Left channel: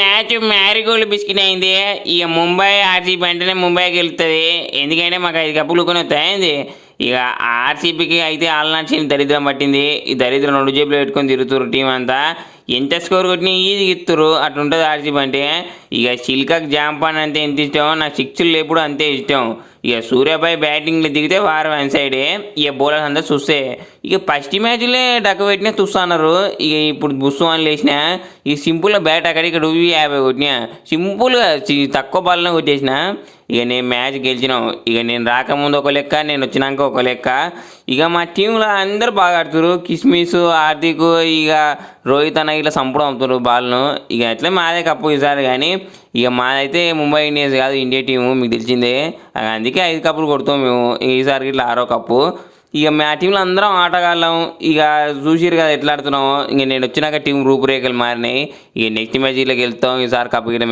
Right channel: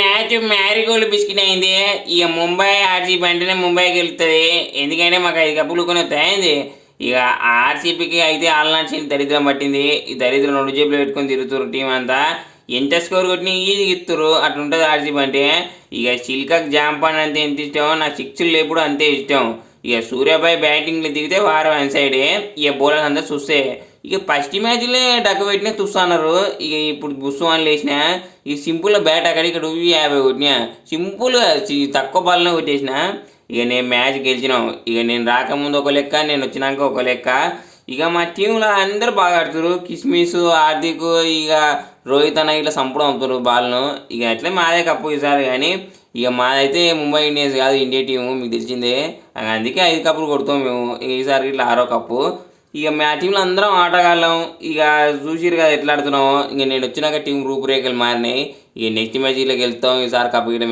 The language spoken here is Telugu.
మ్యాచ్ మ్యారీగోల్డ్ బిస్కెట్ అయింది. ఇక ముంబై ఆర్సీబీ అంటేనే ముంబైకి వెళ్తుంది. ఎందుకంటే మాకు 5 కప్పులు కొని వస్తాయింది. ఇక ఆర్సీబీకి అయితే ఆల్నాటి దరిద్రం పట్టింది. ఈ దరిద్రం 2 జేబులు పెట్టుకొని తిరుగుతారు టీం అంతా. ఎంత స్కోర్ కొట్టినా ఈజీగా ఇస్తారు, అట్లుంటుంది ఆర్సీబీ అంటే. ఇక చిల్కకు జాంపాన్ అంటే ఎంత ఇష్టం, నాకు సిక్స్లు లేపుడు అంతే ఇష్టం. ఇక సూర్యాపై బ్యాటింగ్లో దిగితే వారం వన్ సైడే. ఇక బౌలర్ అంతా చూస్తే ఇక ఫస్ట్ మ్యాచ్లే డక్క పెట్టినా చూస్తున్నారు. ఇక ఇప్పుడు బుస్సు అని లేచిన ఈ సింపుల్గా బ్యాట్ అక్కడ ఇక్కడ 50 కొట్టినా, సింపుల్గా తక్కువ బాల్నే కొట్టేసిన. ఇక నేను మ్యాచ్ గెలిచినాం. ఇక నేను రాకముందు ఒక లెక్క, నేను వచ్చినాక ఒక లెక్క. ఇక మా టీంలో అందరూ బాగా ఆడుతారు. కిస్మిస్, హార్దిక్, ఇక రోహిత్ అన్న ఇట్లా సంపడం అవుతారు బాల్ను. ఇక అట్లే మాదే కప్పు ఈసారి. కానీ ఇక మాదైతే ముంబై ఇండియన్స్ కాదు, ఇండియా టీము మీకు తెలిసిందే. అందుకే 5 కప్పులు కొడతాం మేము. ఈసారి ఇట్లా 6వ కప్పు. ఇక మా టీంలో అందరం ఆటగాళ్ళం. ఇక చూసిరు కదా ఎట్లా ఆడుతున్నాము. ఇక నేను వచ్చినాక టీం రూపురేఖలు మారినాయి. ఇక నెక్స్ట్ మ్యాచ్లోకి వెళ్తాం. ఈసారి కప్పు గిట్ట